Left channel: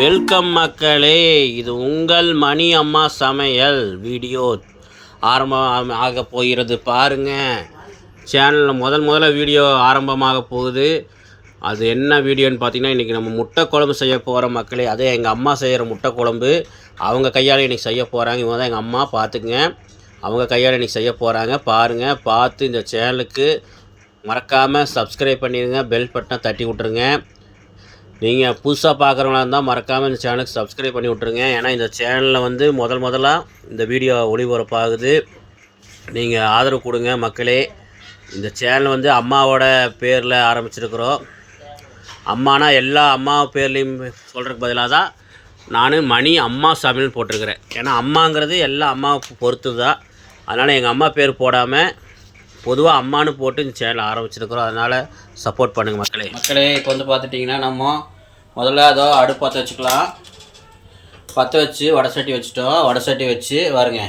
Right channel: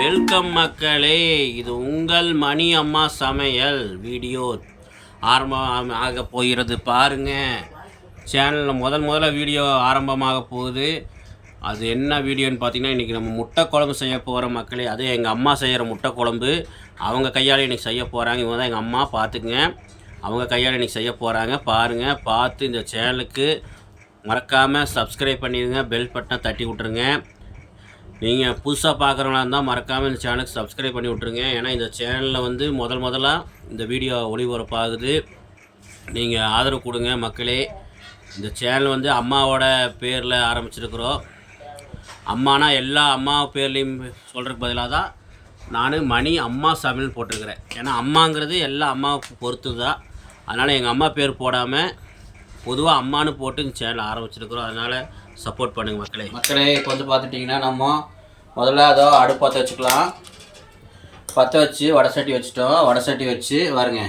Welcome மக்களே, இது உங்கள் மணி அம்மா சமையல் வீடியோ ஆரம்பம் ஆக போகிறது. பாருங்கள், சேனலில் முதல்ல வீடியோ ஆரம்பமாக போகுது. அது என்ன வீடியோன்னு பார்த்தீங்கன்னா, இன்றைக்கி நம்ம முட்டை குழம்பு செய்ய போகிற மக்களே. அதே எங்கள் அம்மா செய்கிற முட்டை குழம்பு அவங்க கையால் இன்றைக்கி செய்ய போகிறாங்க. இவங்க தான் எங்கள் அம்மா, பார்த்துக்குங்க. அவங்க கையால் இன்றைக்கி செய்ய போகிறாங்க. பாருங்கள், பார்த்து இந்த சேனலுக்கு மறக்காமல் சப்ஸ்கிரைப் பண்ணிடுங்க, பெல் பட்டனை தட்டி விட்ருங்க. நீங்கள் புதுசாக பார்க்குறவங்களா இருந்தால் மறக்காமல் இந்த சேனலுக்கு சப்ஸ்கிரைப் பண்ணி விட்ருங்க. ஏன்னா இந்த சேனலில் வந்து முதலாக இந்த வீடியோ ஒளிபரப்பாகுது. நீங்கள் ஆதரவு கொடுங்க மக்களே. இந்த சேனல் வந்து அம்மாவோட பேரில் ஆரம்பிச்சிருக்கிறோம். அம்மானா எல்லா அம்மா பேர்லேயும் சொல்கிறதுக்கு பதிலாக தான் நான் மணி அம்மா சமையல் போட்டிருக்கிறேன். ஏன்னா அம்மாங்கிறது எல்லா அம்மாவை பொறுத்து தான். அதனால் எங்கள் அம்மா பேர் போடாமல் பொதுவாக அம்மானு போட்டு இந்த சேனல் ஆரம்பிச்சிருக்கிறோம். அதனால் சப்போர்ட் பண்ணுங்கள் மக்களே. இப்போ வந்து பார்த்துட்டிங்கன்னா நம்ம முதல்ல அதோ அடுப்பு பற்ற வச்சுக்கலாம். பற்ற வச்சு வடை சட்டி வச்சுட்டோம். வடை சட்டி வச்சு பாருங்க,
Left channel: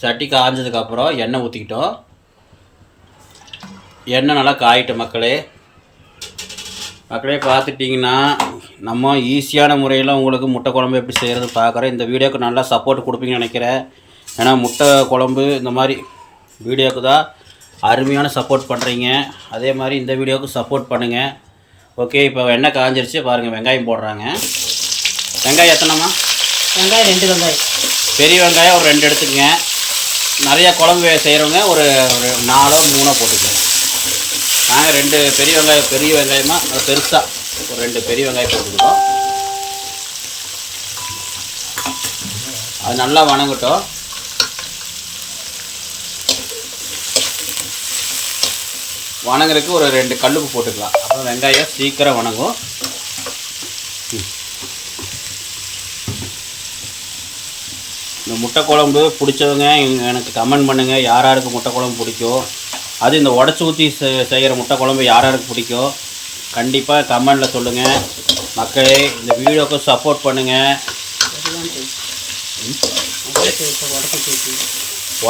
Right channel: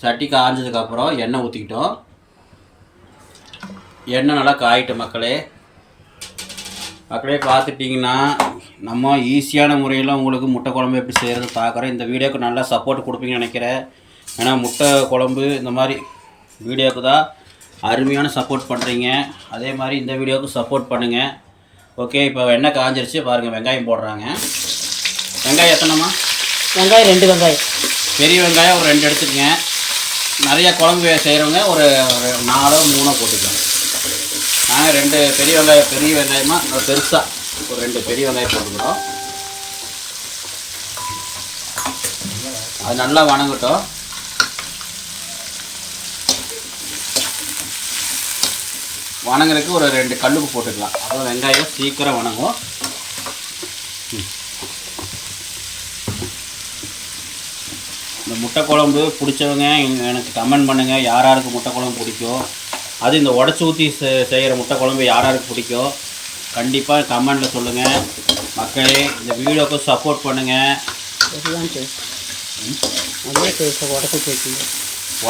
சட்டி காய்ஞ்சதுக்கப்புறம் எண்ணெய் ஊற்றிக்கிட்டோம். எண்ணெய் நல்லா காயிட்டோம் மக்களே. பார்த்துட்டிங்கன்னா நம்ம ஈஸியான முறையில் உங்களுக்கு முட்டை குழம்பு எப்படி செய்கிறது பார்க்குறோம். இந்த வீடியோவுக்கு நல்லா சப்போர்ட் கொடுப்பீங்கன்னு நினைக்கிறேன். ஏன்னா முட்டை குழம்பு இந்த மாதிரி வீடியோவுக்கு தான் அருமையான சப்போர்ட் பண்ணுறீங்க. அதே மாதிரி இந்த வீடியோவுக்கு சப்போர்ட் பண்ணுங்கள். ஓகே, இப்போ எண்ணெய் காஞ்சிருச்சு. பாருங்கள், வெங்காயம் போடுறாங்க. வெங்காயம் எத்தனைம்மா? வெங்காயம் 2 வெங்காயம். பெரிய வெங்காயம் ஒரு 2 எடுத்துக்கங்க. நிறையா குழம்பு செய்கிறவங்க ஒரு 4 3 போட்டுக்கோங்க. நாங்கள் 2 பெரிய வெங்காயமாக அது பெருசாக ஒரு 2 பெரிய வெங்காயம் போட்டுக்கிட்டோம். அது நல்லா வணங்கட்டும். வணங்குறதுக்கு ஒரு 2 கல்லுப்பு போட்டுக்கலாம். அப்போ வெங்காயம் சீக்கிரம் வணங்கும். இந்த முட்டை குழம்பு பிடிச்சவங்க எனக்கு கமெண்ட் பண்ணுங்கள். யாருக்கு முட்டை குழம்பு பிடிக்கும், அது இந்த உடச்சி ஊற்றி செய்கிற முட்டை குழம்பு யாருக்கு பிடிக்கும் கண்டிப்பாக கமெண்டில் சொல்லுங்கள் மக்களே. இந்த வீடியோவுக்கு சப்போர்ட் பண்ணுங்கள்.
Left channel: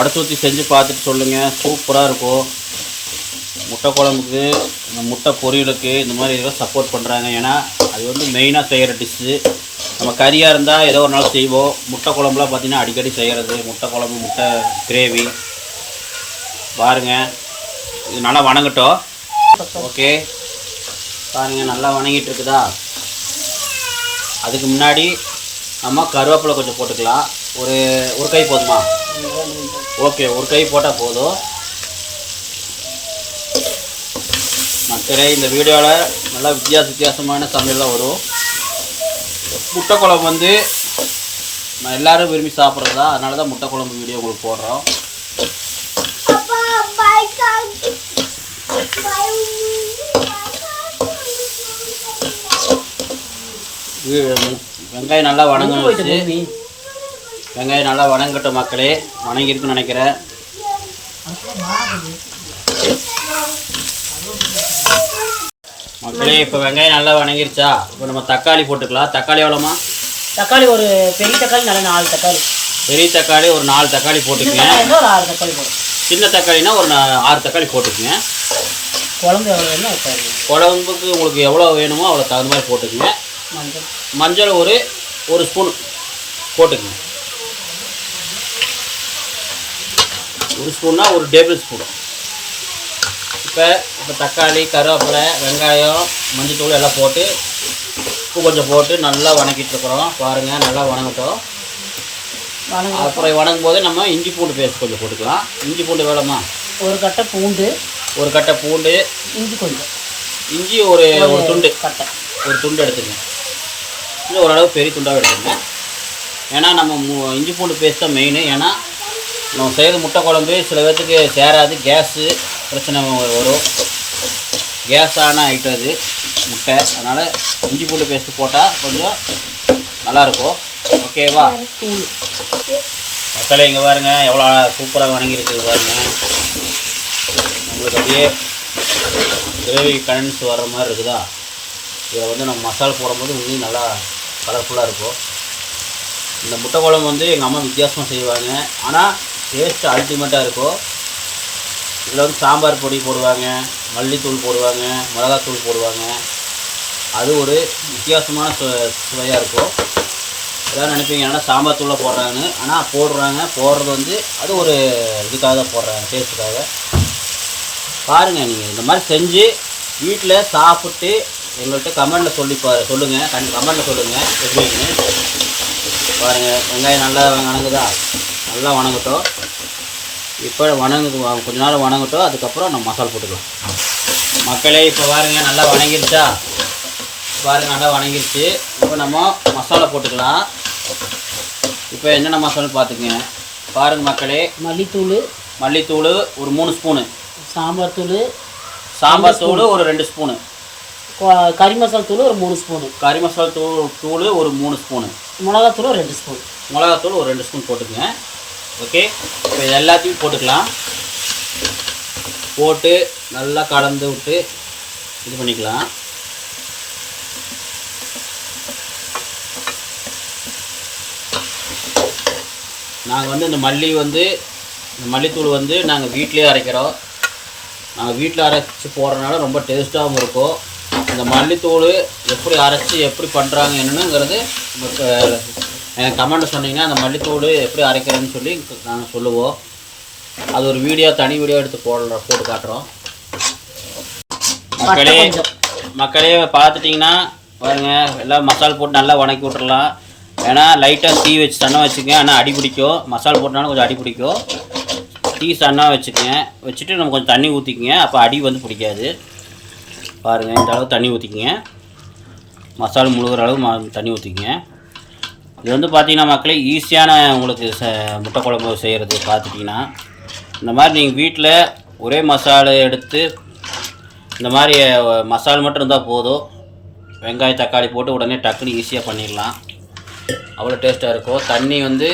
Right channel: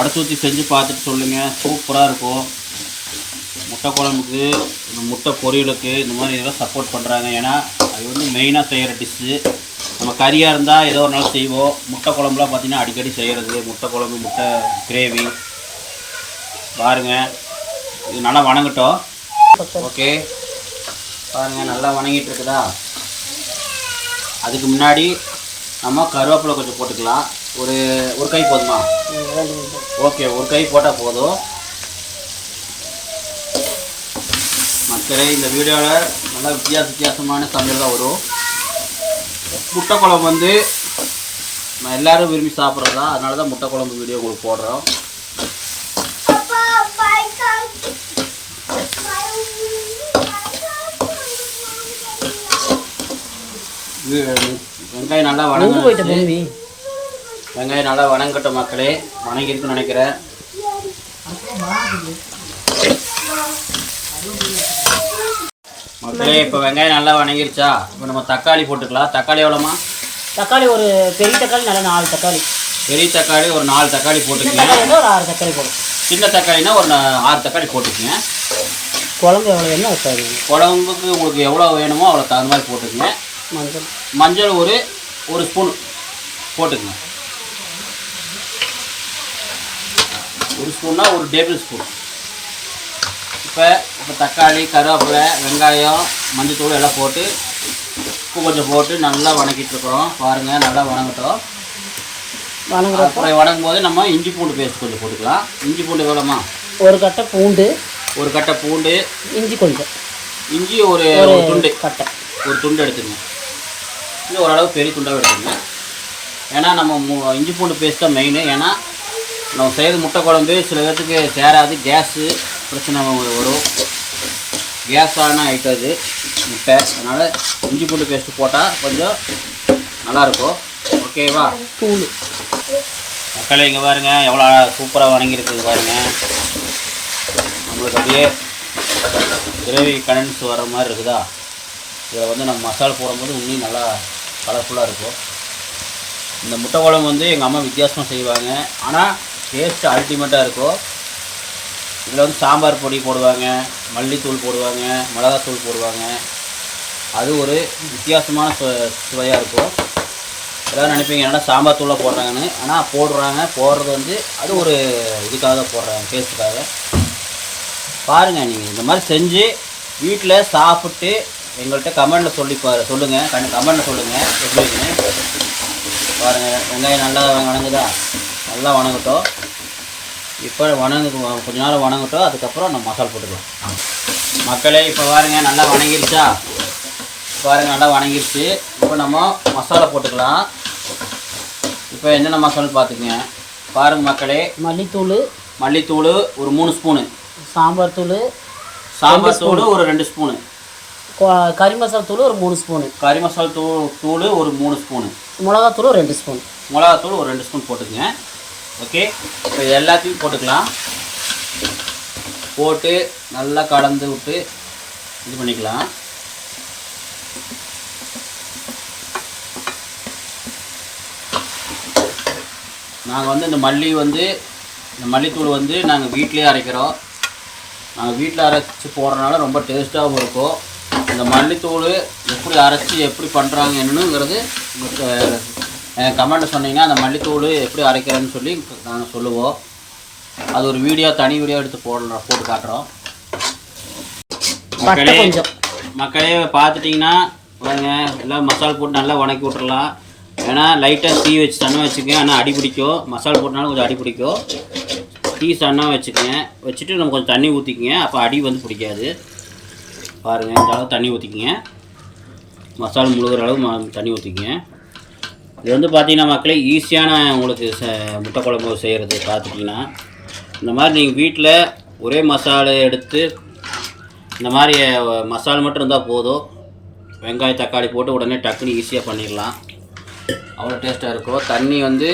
உடச்சி ஊற்றி செஞ்சு பார்த்துட்டு சொல்லுங்கள். சூப்பராக இருக்கும். முட்டை குழம்புக்கு, இந்த முட்டை பொரியலுக்கு இந்த மாதிரி இதெல்லாம் சப்போர்ட் பண்ணுறாங்க. ஏன்னா அது வந்து மெயினாக செய்கிற டிஷ்ஷு. நம்ம கறியாக இருந்தால் ஏதோ ஒரு நாள் செய்வோம். முட்டை குழம்புலாம் பார்த்திங்கன்னா அடிக்கடி செய்கிறது. முட்டை குழம்பு, முட்டை கிரேவி. பாருங்கள், இது நல்லா வணங்கட்டும். ஓகே, பாருங்கள் நல்லா வணங்கிட்டு இருக்குதா. அதுக்கு முன்னாடி நம்ம கருவேப்பிலை கொஞ்சம் போட்டுக்கலாம். ஒரு கை போதுமா? ஓகே, ஒரு கை போட்டால் போதும் மக்களே. இந்த வீடியோவில் நல்லா வித்தியாசமான சமையல் தான் வரும். முட்டை குழம்பு வந்து நான் எல்லோரும் விரும்பி சாப்பிட்றது தான். அதனால தான் முட்டை குழம்பு வீடியோ உங்களுக்கு போடுறோம். வெங்காயம் நல்லா வணங்கிடுச்சு. வெங்காயம் நல்லா வணங்கட்டும் மக்களே. வணங்கியிருக்குன்னு நினைக்கிறேன். மக்களே, இப்போ வெங்காயம் நல்லா வணங்கிருச்சா. இப்போ நம்ம தக்காளி போட்டுக்கலாம். தக்காளி எவ்வளோமா? தக்காளி ஒரு பெரிய தக்காளி, நல்லா 4 தக்காளி. பெரிய தக்காளி ஒரு 4 தக்காளி போட்டுக்குங்க. ஒரு 6 தக்காளி போடும். சின்ன தக்காளினா ஒரு 6 தக்காளி போட்டுக்குங்க. குழம்பு எவ்வளோ வேணுமோ வைக்காது. குழம்புக்கு உங்களுக்கு எவ்வளோ வேணுமோ அவ்வளோ தகுந்த மாதிரி போட்டுக்குங்க. மஞ்சள் ஒரு ஸ்பூன் போட்டுக்குங்க. 1 ஸ்பூன்னா 1 டேபிள் ஸ்பூன். இப்போ தக்காளி, கருவேப்பிலை, வெங்காயம், மஞ்சத்தூள் எல்லாம் போட்டு உப்பு கொஞ்சம் போட்டு நல்லா வணக்கிட்டுருக்குறோம். பாருங்கள், நல்லா வணங்கட்டும். அப்புறம் வணங்கும் போது நம்ம இஞ்சி பூண்டு பேஸ்ட் கொஞ்சம் போட்டுக்கலாம். இஞ்சி பூண்டு எவ்வளோமா? ஒரு கட்டை பூண்டு. இஞ்சி கொஞ்சம். இஞ்சி ஒரு துண்டு எடுத்துங்க. இது ஓரளவு பெரிய துண்டாக எடுத்துங்க. ஏன்னா நம்ம இஞ்சி பூண்டு பேஸ்ட் தான் மெயின். ஏன்னா நம்ம செய்கிற முட்டை குழம்பு சில பேர்த்துக்கு சேராது, கேஸு பிரச்சனை வரும். கேஸான ஐட்டம் இது முட்டை. அதனால் இஞ்சி பூண்டு பேஸ்ட்டு போட்டால் கொஞ்சம் நல்லாயிருக்கும். ஓகேவா மக்களே? இங்கே பாருங்கள் எவ்வளோ சூப்பராக வணங்கியிருக்கு பாருங்கள். நம்மளுக்கு அப்படியே கிரேவி கண்டன்ஸ் வர்ற மாதிரி இருக்குதா. இதை வந்து நம்ம மசாலா போடும்போது இன்னும் நல்லா கலர்ஃபுல்லாக இருக்கும். இந்த முட்டை குழம்பு வந்து எங்கள் அம்மா வித்தியாசமாக செய்வாங்க. ஆனால் டேஸ்ட்டு அல்டிமேட்டாக இருக்கும். இதில் வந்து சாம்பார் பொடி போடுவாங்க, மல்லித்தூள் போடுவாங்க, மிளகாத்தூள் போடுவாங்க. அது ஒரு வித்தியாசமான சுவையாக இருக்கும். எல்லோரும் நினைப்பீங்க என்னடா சாம்பார் தூளை போடுறாங்கன்னு, ஆனால் போடுறது வந்து அது ஒரு இதுக்காக தான் போடுறாங்க, டேஸ்ட்டுக்காக. பாருங்கள், நீங்கள் இந்த மாதிரி செஞ்சு வீட்டில் சாப்பிட்டு எங்கள்கிட்ட கமெண்டில் சொல்லுங்கள். கமெண்டில் சொல்லுங்கள் எப்படி இருக்குன்னு. பாருங்கள், வெங்காயம் நல்லா வணங்குதா? நல்லா வணங்கட்டும். இப்போ கொஞ்ச நேரம் வணங்கட்டும். அதுக்கப்புறம் நம்ம மசாலா போட்டுக்கலாம். மக்களே, இப்போ பாருங்கள் நல்லா வணங்கிருச்சா? பாருங்கள் நல்லா வணங்கிருச்சு. இப்போ நம்ம மசாலா போட்டுக்கலாம். இப்போ என்னென்ன மசாலா பார்த்துக்குங்க. பாருங்கள் மக்களே, மல்லித்தூள் ஒரு 3 ஸ்பூனு, சாம்பார் தூள் ஒரு 2 ஸ்பூனு, கறி மசாலா தூள் ஒரு 3 ஸ்பூனு, கறி மசாலா தூள் ஒரு 3 ஸ்பூனு, மிளகாத்தூள் ஒரு 2 ஸ்பூன், மிளகாத்தூள் ஒரு 2 ஸ்பூன் போட்டுக்குங்க. ஓகே, இப்போ இது எல்லாத்தையும் போட்டுக்கலாம். போட்டு நல்லா கலந்து விட்டு இது பண்ணிக்கலாம். நாங்கள் வந்து இந்த மல்லித்தூள் வந்து நாங்கள் வீட்டிலே அரைக்கிறோம். நாங்கள் வீட்டில் அரைச்சி போடுறதுனால ரொம்ப டேஸ்ட்டாகவும் இருக்கும். இந்த மல்லித்தூள் எப்படி அரைச்சி எப்படி பண்ணுறாங்க என்னங்கிறது எனக்கு கமெண்ட்டில் சொன்னீங்கன்னா அந்த மல்லித்தூள் எப்படி அரைக்கிறேன்னு சொல்லி நாங்கள் சொல்லுவோம். அது ஒரு தனி வீடியோ எடுத்து போட்டு காட்டுறோம். மக்களே பார்த்துட்டிங்கன்னா பாருங்க, எல்லாம் மசாலா போட்டு நல்லா வணக்கி விட்டுறலாம். ஏன்னா லைட்டாக தீ வச்சு சன்னம் வச்சுக்கங்க. ஆனால் அடி பிடிக்கும். மசாலா போட்டனாலும் கொஞ்சம் அடி பிடிக்கும். தீ சன்னா வச்சுட்டு நம்ம கொஞ்சம் தண்ணி ஊற்றிக்கிங்க. அப்போ அடி வந்து பிடிக்காது. பாருங்கள், இந்த அளவு தண்ணி ஊற்றிக்கிங்க. மசாலா முழுகிற அளவு தண்ணி ஊற்றிக்கிங்க. இது வந்து பார்த்திங்கன்னா மக்களே, ஈஸியான உங்களுக்கு முட்டை குழம்பு செய்கிறது. பார்த்துட்டிங்கன்னா இந்த மாதிரி நீங்கள் வீட்டில் ஒரே மசாலா எடுத்து இந்த மாதிரி மசாலா மட்டும் இருந்தால் போதும். வெங்காயம் தக்காளி போட்டு உடனே டக்குன்னு ஈஸியாக பண்ணிடலாம். அவ்வளோ டேஸ்ட்டாக இருக்கும். தண்ணி வந்து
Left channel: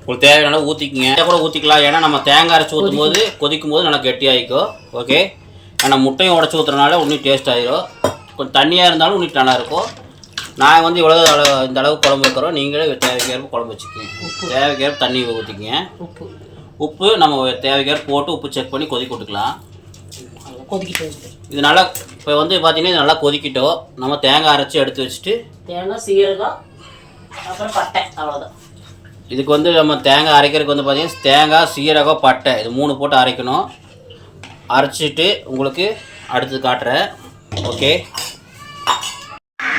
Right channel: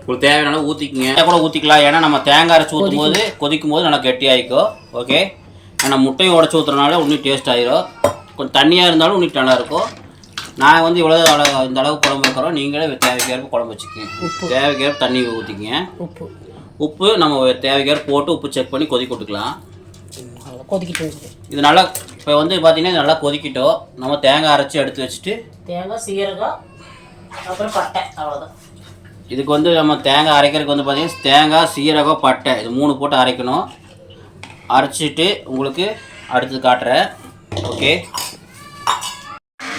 உங்களுக்கு தேவையான ஊற்றிக்கிங்க. கூட ஊற்றிக்கலாம். ஏன்னா நம்ம தேங்காய் அரைச்சி ஊற்றும் போது கொதிக்கும் போது நல்லா கெட்டியாகிக்கும். ஓகே, ஆனால் முட்டையும் உடச்சி ஊற்றுறதுனால இன்னும் டேஸ்ட் ஆகிரும். கொஞ்சம் தண்ணியாக இருந்தாலும் இன்னும் நல்லாயிருக்கும். நாங்கள் வந்து இந்த அளவு குழம்பு வைக்கிறோம். நீங்களே தேவைக்கேற்ப குழம்பு வச்சுக்கோங்க. தேவைக்கேற்ப தண்ணி ஊற்றிக்கிங்க. உப்பு நம்ம தேவைக்கேற்ப போட்டு உப்பு செக் பண்ணி கொதிக்க விட்டுக்கலாம். இது நல்லா இப்போ வந்து பார்த்திங்கன்னா இது நல்லா கொதிக்கிட்டோம். நம்ம தேங்காய் அரைச்சி எடுத்து வச்சுட்டு தேங்காய் சீரகம் அப்புறம் பட்டை, அவ்வளோதான். இதுக்கு வந்து நம்ம தேங்காய் அரைக்கிறதுக்கு வந்து பார்த்திங்கன்னா தேங்காய் சீரகம் பட்டை இது 3 போட்டு அரைக்கணும். அரைச்சிட்டு உங்களுக்கு அடுத்து காட்டுறேன். ஓகே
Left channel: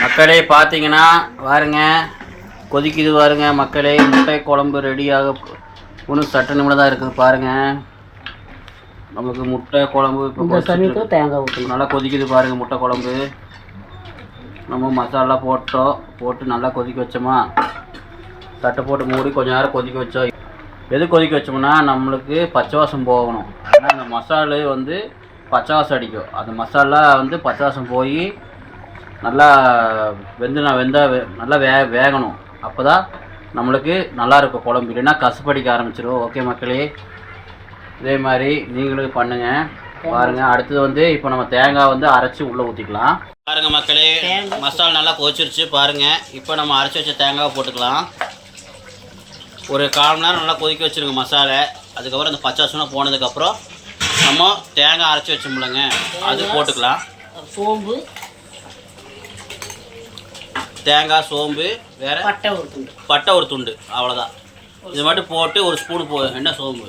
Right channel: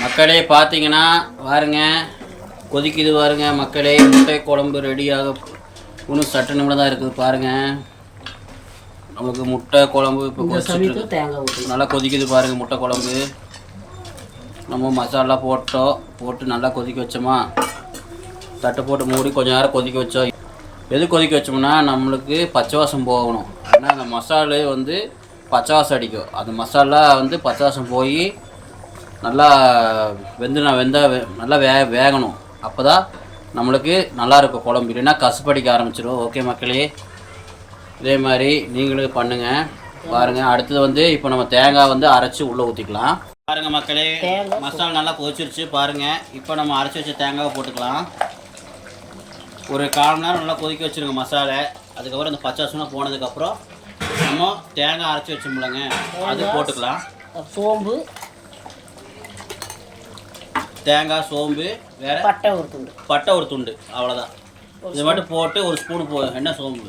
மக்களே, பார்த்தீங்கன்னா பாருங்க கொதிக்குது பாருங்க மக்களே. முட்டை குழம்பு ரெடியாக இன்னும் சட்ட நிமிடம் தான் இருக்குது. பாருங்கள், நமக்கு முட்டை குழம்பு இப்போ தேங்காய் ஊற்றி நல்லா கொதிக்குது பாருங்கள். முட்டை குழம்பு நம்ம மசாலா போட்டு நல்லா கொதிக்க வச்சோமா, தட்டை போட்டு மூடி கொஞ்சம் நேரம் கொதிக்க வச்சோம். எது கொதிக்க வச்சோம்னா நம்மளுக்கு பச்சை வாசம் போகணும். ஏன்னா அந்த மசாலா வந்து பச்சை வாசம் அடிக்கும். அந்த மசாலா வந்து பச்சை வாசம் போய் நல்லா நல்லா வேகணும். அப்போ தான் நம்மளுக்கு நல்லாயிருக்கும் குழம்பு. இல்லைன்னா கசுப்படிக்க ஆரம்பிச்சிடும். ஓகே மக்களே, இதே மாதிரி நீங்களும் பண்ணுங்கள். பாருங்கள், அடுத்தது வந்து இப்போ நம்ம தேங்காய் வந்து அரைச்சி உள்ளே ஊற்றிக்கலாம். பாருங்கள் மக்களே, மசாலா நல்லா கொதிச்சிருச்சு. பாருங்கள், இப்போ நம்ம அரைச்சி வச்ச தேங்காவை போட்டுக்கலாம். ஒரு 1/4 மணி நேரம் நல்லா கொதிக்க வச்சுருங்க மசாலா. அதுக்கப்புறம் இந்த பச்சை வாசனை போனதுக்கப்புறம் நம்ம தேங்காய் அரைச்சி வச்சோம்லங்க, அது போட்டுக்கலாம். தேங்காய், சோம்பு, வேறு பட்டை ஒரு துண்டு, அவ்வளோதான். இது மட்டும் போட்டு ஒரு ஸ்பூனு என்ன சோம்பு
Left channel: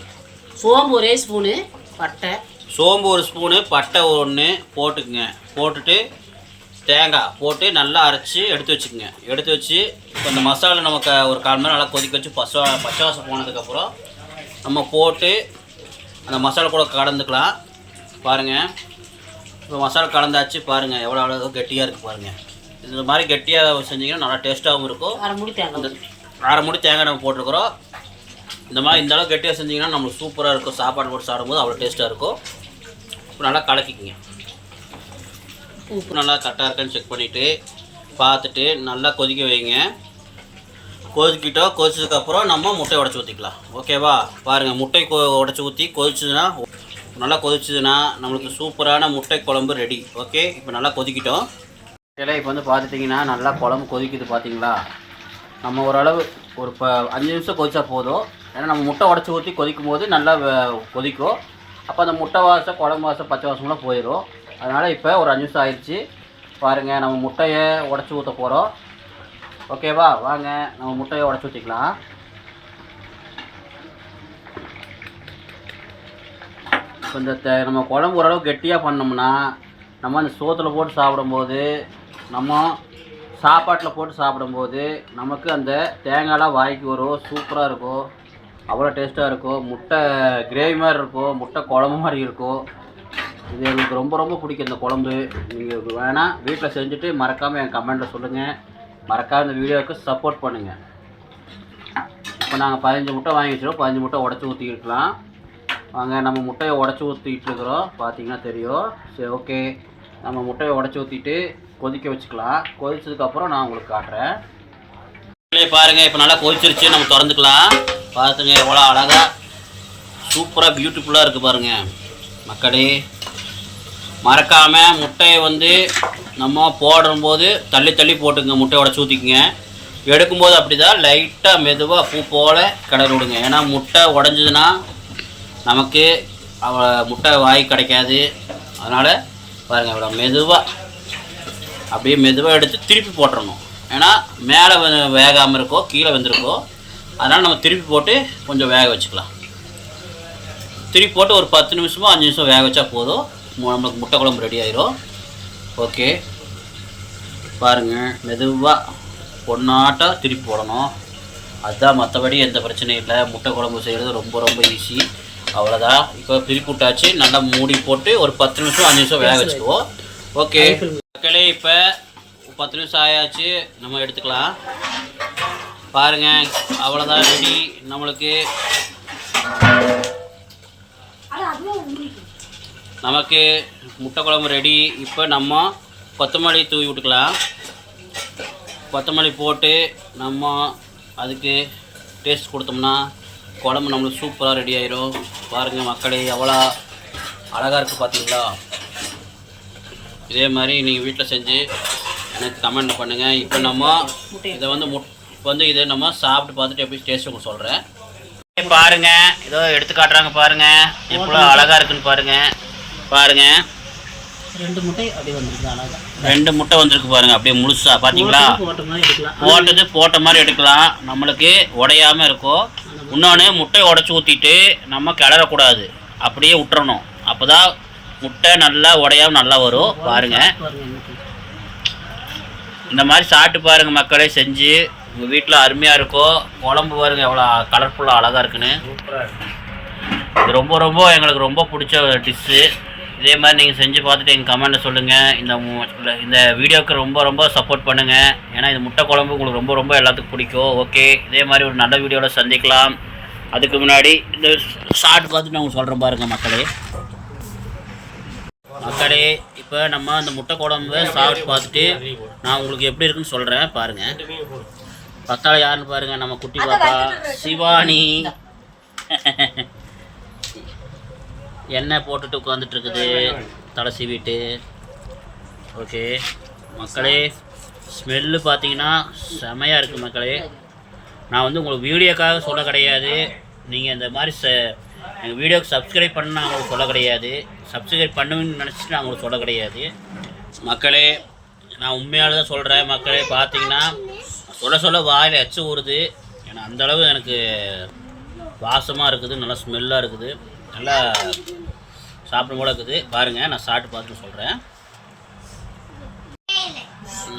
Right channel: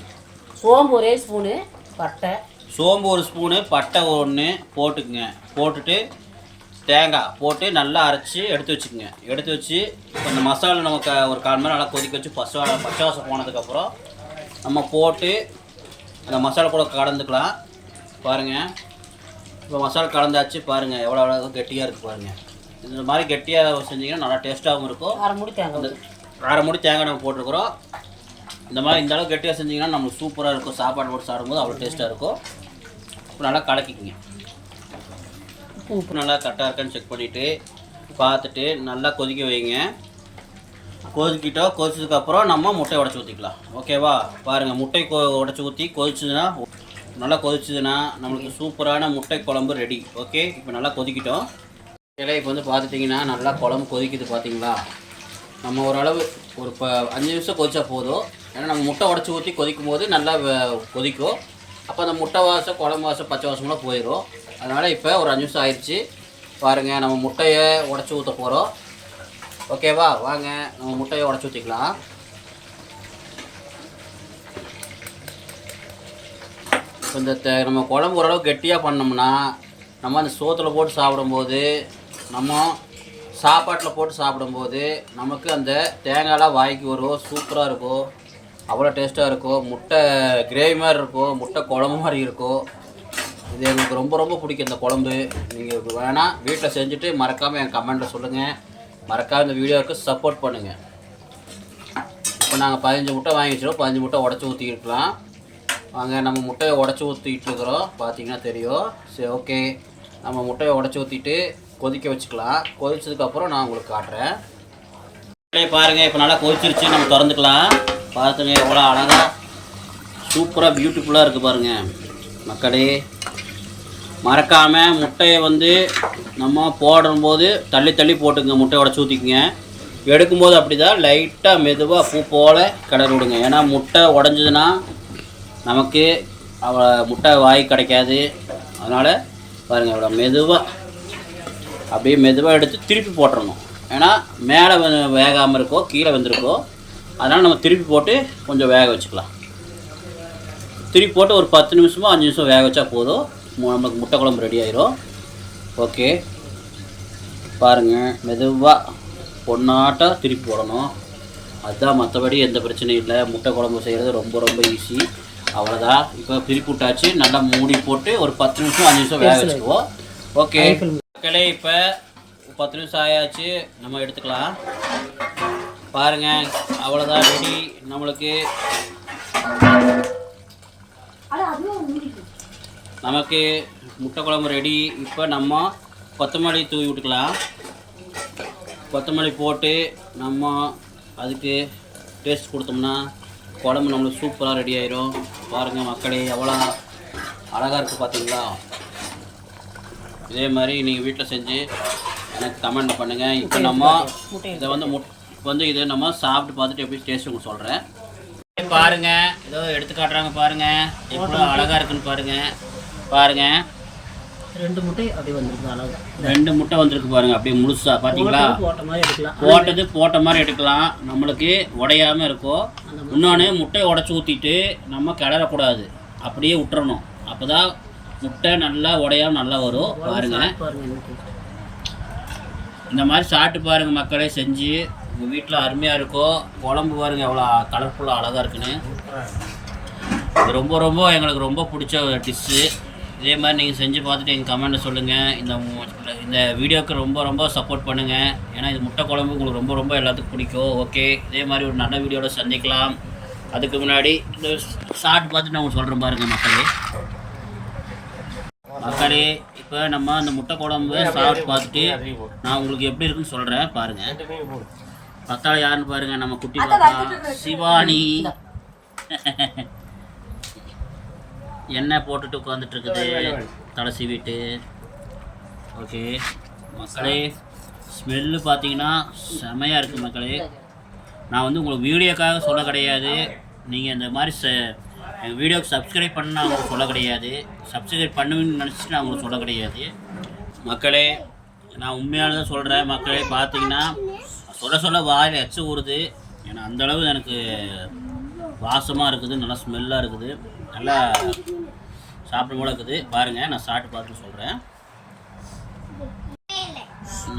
ஒரே ஸ்பூனு, பட்டை சோம்பு ஒரு ஸ்பூனு, பட்டை 1 போட்டுக்குங்க. போட்டுட்டு தேங்காய் போட்டு நல்லா அரைச்சி எடுத்து வச்சுக்கோங்க. எடுத்து வச்சு இப்போ இந்த மசாலா நமக்கு ஒரு 1/4 மணி நேரம் நல்லா கொதிக்க வச்சு பச்சை வாசம் போனதுக்கப்புறம் நம்ம போட்டு அந்த மசாலா கூட கலந்துக்கலாம். பாருங்கள், இப்போ மசாலா கலந்தாச்சு. பாருங்கள் எவ்வளோ கெட்டியாக இருக்குது. பாருங்கள், இந்த மாதிரி கெட்டியாக செஞ்சிங்கன்னா நல்லா டேஸ்ட்டாகவும் இருக்கும். அந்த 1/2 மூடி தேங்காய் நம்ம போட்டிருக்கிறோம். இந்த மாதிரி இந்த அளவு கெட்டியாக செஞ்சிங்கன்னா நம்மளுக்கு சூப்பராக இருக்கும். சாப்பாடு போட்டு சாப்பிடும்போது அவ்வளோ டேஸ்ட்டாக இருக்கும். இப்போ நல்லா கலக்கிக்கிங்க. உப்பு நல்லா கரெக்டாக இருக்கான்னு செக் பண்ணிவிட்டு பார்த்துட்டு நல்லா கொதிக்க வைங்க. கொதிச்சதுக்கப்புறம் நம்ம முட்டையை உடச்சி ஊற்றிக்கலாம். ஓகேவா? பாருங்கள், முட்டை உடச்சி ஊற்றி நல்லா கொதிச்சதுன்னா நம்மளுக்கு சூப்பரான முட்டை குழம்பு ரெடி. ஓகே, இப்போ நல்லா கொதிக்கிட்டோம். இப்போ வந்து பார்த்துட்டிங்கன்னா நல்லா குழம்பு கொதிக்குது. பார்த்தீங்களா? நம்ம ஓரளவு ஒரு 5 நிமிஷம் கொதிச்சா போதும். ஏன்னா நம்ம முட்டை உடச்சி ஊற்றி கொதிக்கும் போது நல்லா கொதிக்கும். அப்போ அந்த முட்டை வாசம், குழம்பு வாசம், பச்சை வாசம்லாம் போயிடும். அதனால் இப்போ ஒரு 5 நிமிஷம் ஆயிடுச்சு. பாருங்கள் நம்ம முட்டையை உடச்சி ஊற்ற போகிறோம். ஓகேவா? வாங்க நம்ம முட்டையை உடச்சி ஊற்றிக்கலாம். இந்த நம்ம குழம்பு ஓரளவு கெட்டியாக பண்ணோம்னா நம்ம அந்த சோத்தில் போட்டு சாப்பிடும்போது, நம்ம சாப்பாட்டில் போட்டு சாப்பிடும்போது நமக்கு அந்த தேங்காயெலாம் வாய்க்கு வரும். சூப்பராக இருக்கும், அவ்வளோ டேஸ்ட்டாக இருக்கும். முட்டை கிரேவி மாதிரி இருக்கும், முட்டை குழம்பு மாதிரி இருக்கும். இது எங்களுக்கு ரொம்ப ரொம்ப பிடிக்கும் இந்த குழம்பு. நீங்கள் வேணால் வீட்டில் செஞ்சுட்டு மறக்காமல் என் கமெண்ட்டில் சொல்லுங்கள். மறக்காமல் இந்த வீடியோவுக்கு சப்போர்ட் பண்ணுங்கள். இப்போ நாங்கள் 15 முட்டை வாங்கி வச்சுருக்கோம். 15 முட்டை உடச்சி ஊற்றிக்கிட்டுலாம். வாங்க நம்ம முட்டையை உடச்சி ஊற்றிக்கிட்டு இருக்கிறோம். பார்த்தீங்கன்னா தெரியும். சரி, ஓகே. நம்ம முட்டையை உடச்சி ஊற்றிட்டு கொதிக்க வச்சுக்கலாம். கொதிச்சதுக்கப்புறம் நான் உங்களுக்கு காட்டுறேன். பாருங்கள், இப்போ நல்லா கொதிச்சிருச்சு. நம்ம திறந்துக்கலாம். பார்த்துங்க எவ்வளோ அழகாக சூப்பராக பியூட்டிஃபுல்லாக இருக்குது பாருங்கள் மக்களே. மறக்காமல் முட்டையை நம்ம போடும்போது தள்ளி தள்ளி போட்டுங்க. முட்டையை உடச்சி ஊற்றிக்குங்க. எடுக்கும்போது அப்படி தான் லைட்டாக மெதுவாக பூ போல் கிளறி விடுங்க. ஏன்னா முட்டை உடஞ்சதுன்னா நமக்கு முட்டை வாய் கிடைக்காது. அதனால் பாருங்கள் இவ்வளோ மெதுவாக அப்படியே மெதுவாக எடுத்து திருப்பி போட்டுறணும். ஏன்னா மேலே வேகாமல் இருக்கோ, கீழே வெந்திருக்கோ. அதனால் நம்ம திருப்பி போட்டு கொஞ்சம் வேக வச்சுக்கலாம். திருப்பி போட்டு ஒரு 10 நிமிஷமோ 5 நிமிஷம் வேக வச்சா போதும். நம்மளுக்கு முட்டை குழம்பு ரெடி ஆயிரும். ஓகே, பாருங்கள் மெதுவாக பொண்ணாட்டாக திருப்பி போடணும். அதுதான், மற்றபடி எந்த பிரச்சனையும் இல்லை. முட்டை குழம்பு செய்கிறது ரொம்ப ரொம்ப ஈஸி. அவ்வளோதான். இப்போ திருப்பி விட்டாச்சு. நல்லா மூடி போட்டு ஒரு 10 நிமிஷம் 5 நிமிஷம் வேக வச்சுக்குவோம். ஓகே மக்களே, இப்போ 10 நிமிஷம் ஆயாச்சு. நம்ம எடுத்துக்கலாம். பாருங்கள் அவ்வளோதான், ரெடி நம்மளுக்கு. நமக்கு முட்டை குழம்பு ரெடி. இப்போ நம்ம கொத்தமல்லி தூவி விட்டுக்கலாம். கொத்தமல்லி போட்டு நம்ம அதுக்கு டேஸ்ட் கொடுத்தோம்னா குழம்பு நம்மளுக்கு சூப்பராக ரெடி ஆயிரும். பாருங்கள் மக்களே எவ்வளோ அழகாக இருக்குது பார்த்தீங்களா? இதே மாதிரி நீங்கள் வீட்டில் செஞ்சு எனக்கு கமெண்ட்டில் பண்ணுங்கள். இப்போ நம்ம இதை இதை நம்ம சாப்பிட்டு பார்த்துட்டு எப்படி டேஸ்ட் உங்களுக்கு சொல்கிறேன். பாருங்கள், இதோ எடுத்து காட்டுறாங்க பாருங்கள், எவ்வளோ அழகாக இருக்குன்னு பாருங்கள். 2 முட்டை அப்படியே வந்துருக்கு. அழகா 2 முட்டை வந்திருக்கு பாருங்கள். அப்படியே முழுசாக பார்த்தீங்களா? போட்ட மாதிரி எடுக்கலாம். நம்மளுக்கு உடையாமல் இருக்கும். இன்னொன்று முட்டையை உடச்சி ஊற்றிட்டு நம்ம கிளறக்கூடாது, அப்படியே விட்டுறணும். அப்போ தான் முட்டை நல்லா உடையாமல் நல்லா வரும். பாருங்கள், இந்த மாதிரி சாப்பிட்டு பாருங்கள் மக்களே. செஞ்சு உங்கள் வீட்டில் அருமையாக இருக்கும். குழம்பு பாருங்கள் எவ்வளோ கலர்ஃபுல்லாக அழகாக இருக்குன்னு. இது ரொம்ப ரொம்ப எங்களுக்கு ரொம்ப பிடிச்ச டிஷ்ஷு. இதே மாதிரி நீங்கள் செஞ்சு பார்த்துட்டு எங்கள் கமெண்ட்டில் சொல்லுங்கள். இந்த வீடியோவுக்கு ரொம்ப ரொம்ப சப்போர்ட் பண்ணுங்கள். ஏன்னா இது முட்டை குழம்பு உங்களுக்கு ரொம்ப ரொம்ப எல்லாத்துக்கும் பிடிக்கும். ஓகே, இதே மாதிரி ஒரு நல்ல வீடியோவில் சந்திக்கலாம். அதுக்கு முன்னாடி இந்த ஷார்ட் பார்த்துட்டு நான் உங்களுக்கு சொல்கிறேன் பாருங்கள் மக்களே. இப்போ நம்ம அந்த முட்டை குழம்பு சாப்பிட்டு பார்த்துட்டு நான் உங்களுக்கு எப்படி இருக்குன்னு சொல்கிறேன் பாருங்கள். பத்தாள் யாருன்னு பாருங்கள், நம்ம குட்டி பாப்பா சிவானி. எண்ணெய் போட்டுட்டு உட்காந்துட்டு இருக்குது, தலை சீவிட்டு. ஓகே மக்களே, ஸ்மெல்லு பார்த்தீங்கன்னா செமையாக இருக்குது மக்களே. நான் உங்களுக்கு வீடியோக்காக சொல்ல கிடையாது. நீங்கள் இந்த மாதிரி எங்கள் வீடியோக்கு சப்ஸ்கிரைப் பண்ண நான் உங்களுக்கு சொல்ல கிடையாது. சப்ஸ்கிரைப் பண்ணுவீங்கன்னு நினச்சிட்டு நான் உங்களுக்கு சொல்ல கிடையாது மக்களே. நான் உண்மையால தான் சொல்கிறேன் மக்களே. பார்த்தீங்கன்னா சொல்ல வாயில் எச்சு ஊறுது. ஏன்னா அந்தளவு எனக்கு வாசமாக இருக்குது, நல்லா ஸ்மெல்லாக இருக்குது, நல்லா சாப்பிடும் போல இருக்குது. பாருங்கள், நான் சாப்பிட்டு பார்த்து சொல்கிறேன்.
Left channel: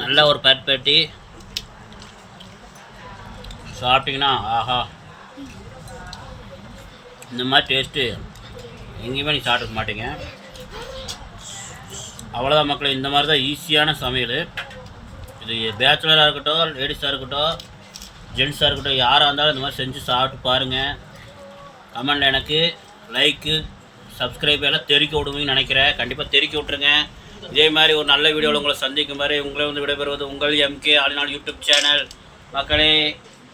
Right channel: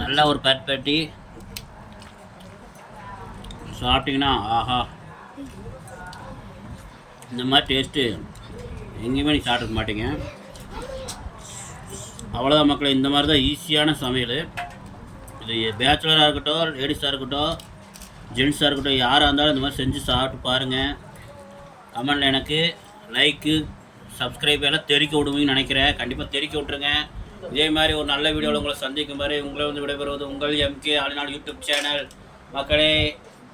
நல்லா ஒரு பேட்டி சாப்பிட்டிங்கன்னா ஆஹா, இந்த மாதிரி டேஸ்ட்டு எங்கேயுமே நீங்கள் சாப்பிட்ருக்க மாட்டீங்க. அவ்வளோதான் மக்களே. இந்த மாதிரி தான் ஈஸியான சமையல். இது பேச்சுலராக இருக்கட்டும், லேடிஸாக இருக்கட்டும், ஜென்ஸாக இருக்கட்டும், யாராக இருந்தாலும் இந்த மாதிரி செஞ்சு சாப்பிட்டு பாருங்கள். கமெண்டில் எனக்கு லைக்கு சப்ஸ்கிரைப் எல்லாம் தெரிவிக்க விடுவீங்கன்னு நினைக்கிறேன். கண்டிப்பாக தெரிவிக்க விட்ருங்க. இதே மாதிரி ஒரு நல்ல வீடியோவில் உங்களை சந்திக்கும் வரை உங்களை விடைபெறுவது உங்கள் MK all in all YouTube channel. மக்களே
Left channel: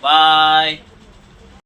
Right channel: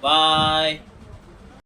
பாய்.